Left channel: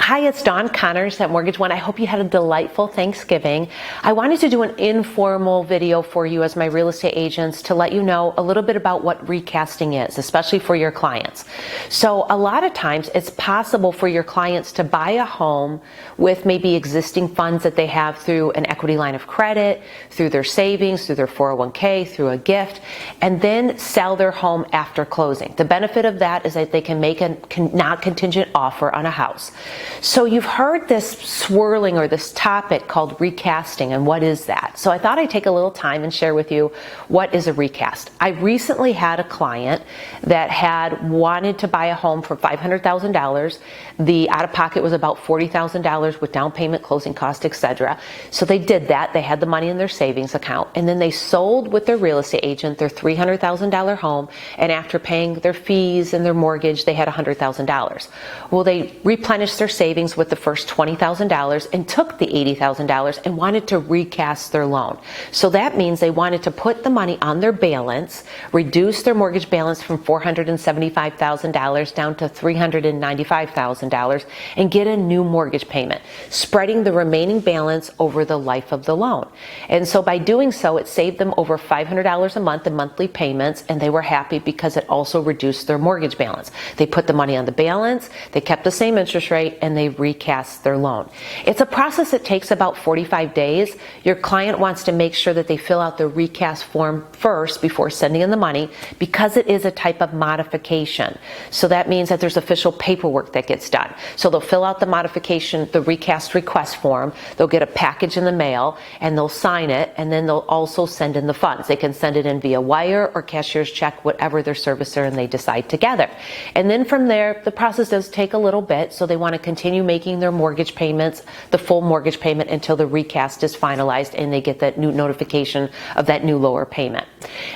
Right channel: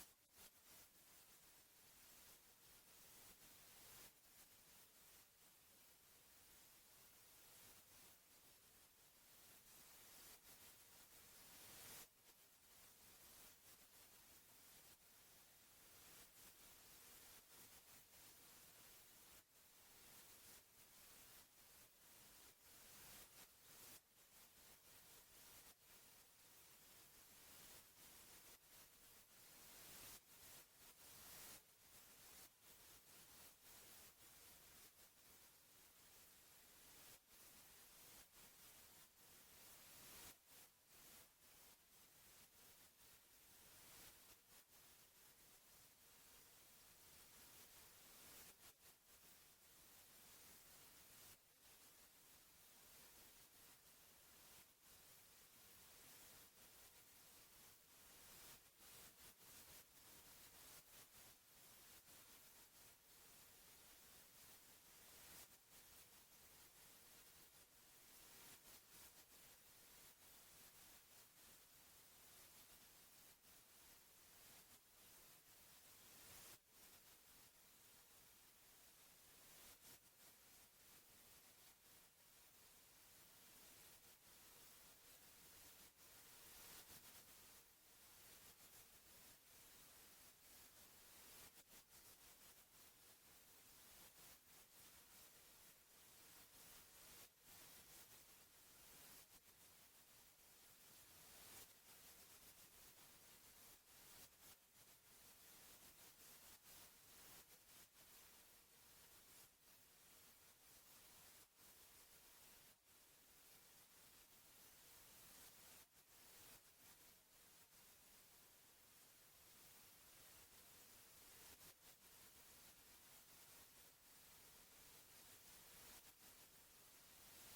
Hi, it's Dawn Connors at Mortgage One. I hope you had a delightful Thanksgiving. I wanted to do an informal video for you as my real estate agents to let you know a little bit about what recasting is, especially for your clients. So a lot of times it's possible for your clients to buy a home with maybe existing funds that they have through an equity line of credit, through their savings, through their 401k, through a gift, and then sell their home after closing. The benefit of that is that they can make a not contingent offer on a house. So you've heard this swirling or this topic called recasting, and what is that? So I thought I'd take a little time and share with you what is a recast. I recently had a client that had wanted to buy a home for $500,000. The out-of-pocket was about $40,000 with down payment, closing cost, etc. So they did that. They had the money in their savings account, and then they sold with their real estate agent their $300,000 home, and after paying their fees and their mortgage, they had $100,000. Well, they replenished their savings with the first $20,000 and took the $80,000 and wanted to recast their loan. So that means they wanted to put the money on their balance, reduce their mortgage balance from $475,000 down to $395,000, and get a new mortgage payment, spreading the remaining balance over the life of the loan. And so by doing so, it saved them over $500 a month in monthly payments, and they were happy because it also reduced their mortgage balance. They put the money on the balance, they kept the same interest rate, and they recast their loan. It's a process that takes about 45 days. Your client wants to make sure that they fill out the recast form first before sending in the money, because it is a type of modification. So that means that there's official paperwork that gets done. So they'll fill out the modification, the recast request form, they'll get a package in the mail, and they'll sign it, and then they'll also send in the funds. They can send it in via wire or cashier's check, whatever their servicer and they decide together. And then from there, the process does take a little bit, so they want to continue making their mortgage payments, the full mortgage payment, until the recast is finalized and they get that new notification of that new lower payment.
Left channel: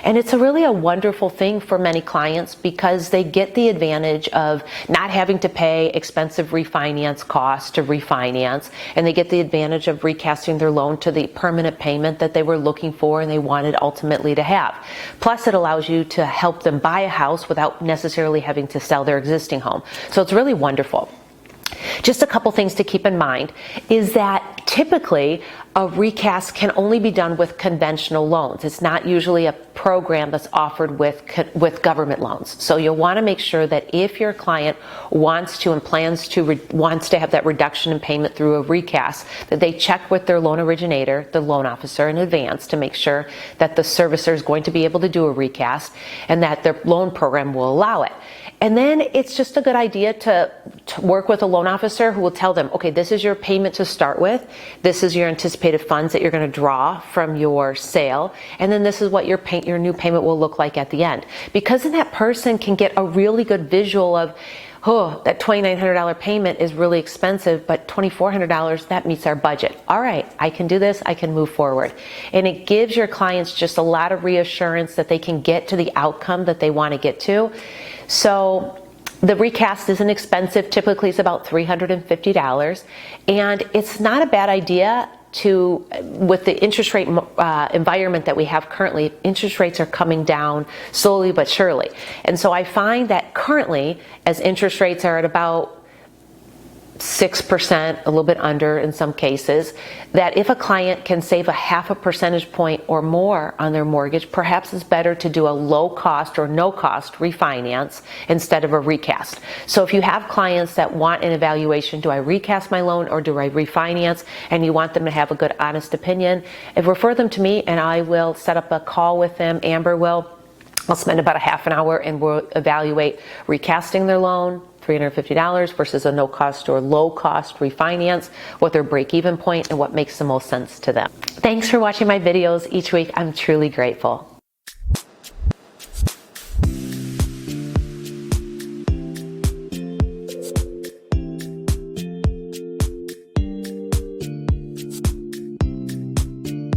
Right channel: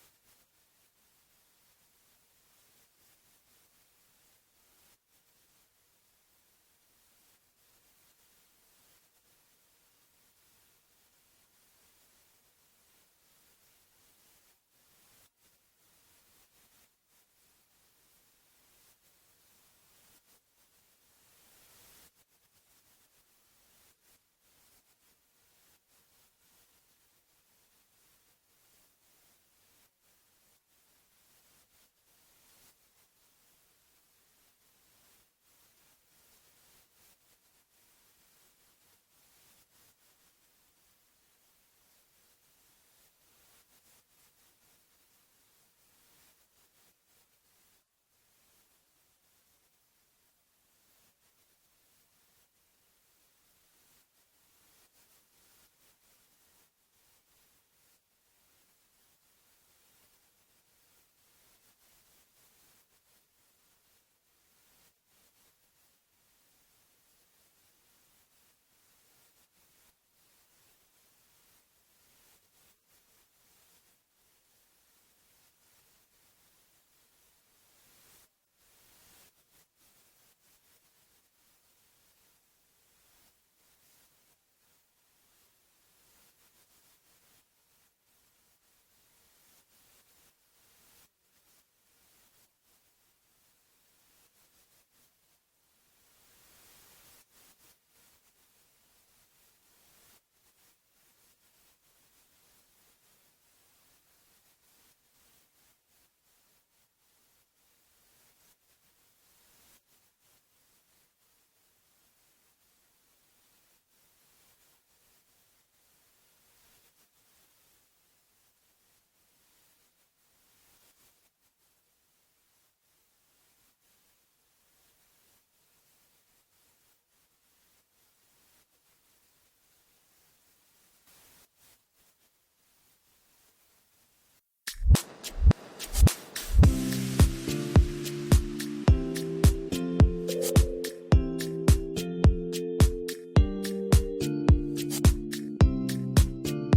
And it's really a wonderful thing for many clients because they get the advantage of not having to pay expensive refinance costs to refinance, and they get the advantage of recasting their loan to the permanent payment that they were looking for and they wanted ultimately to have. Plus, it allows you to help them buy a house without necessarily having to sell their existing home. So it's really wonderful. Just a couple things to keep in mind is that typically a recast can only be done with conventional loans. It's not usually a program that's offered with government loans. So you'll want to make sure that if your client wants to and plans to wants to have that reduction in payment through a recast, that they check with their loan originator, the loan officer, in advance to make sure that the servicer is going to be able to do a recast and that their loan program will allow it. And then it's just a good idea to work with a loan officer who will tell them, okay, this is your payment to start with. This is your anticipated funds that you're going to draw from your sale. And then this is what your new payment will look like at the end. Because then that person can get a really good visual of, oh, that $2,900 payment is really expensive, but $2,400, that meets our budget. All right, I can do this, I can move forward. And it gives your clients just a lot of reassurance that they can get to the outcome that they want to get to. So the recast isn't expensive. Typically it's about $350, and it's not a bad idea to, with the interest rate environment that we have currently, interest rates are coming down slowly but surely. And so I find that currently, as interest rates are at about 6%, a little bit under in some cases, that if a client can save a half a percentage point or more on their mortgage, perhaps it's better to do a low cost or no cost refinance instead of a recast. So if you have clients that want an evaluation, do I recast my loan or do I refinance, and you want them to have a good honest opinion, refer them to me and I will set up a call with them. Amber will. I'll spend about a half an hour and we'll evaluate recasting their loan, $350 versus a no-cost or low-cost refinance, what their break-even point and what makes the most sense to them. Thanks for watching my videos each week. I'm truly grateful.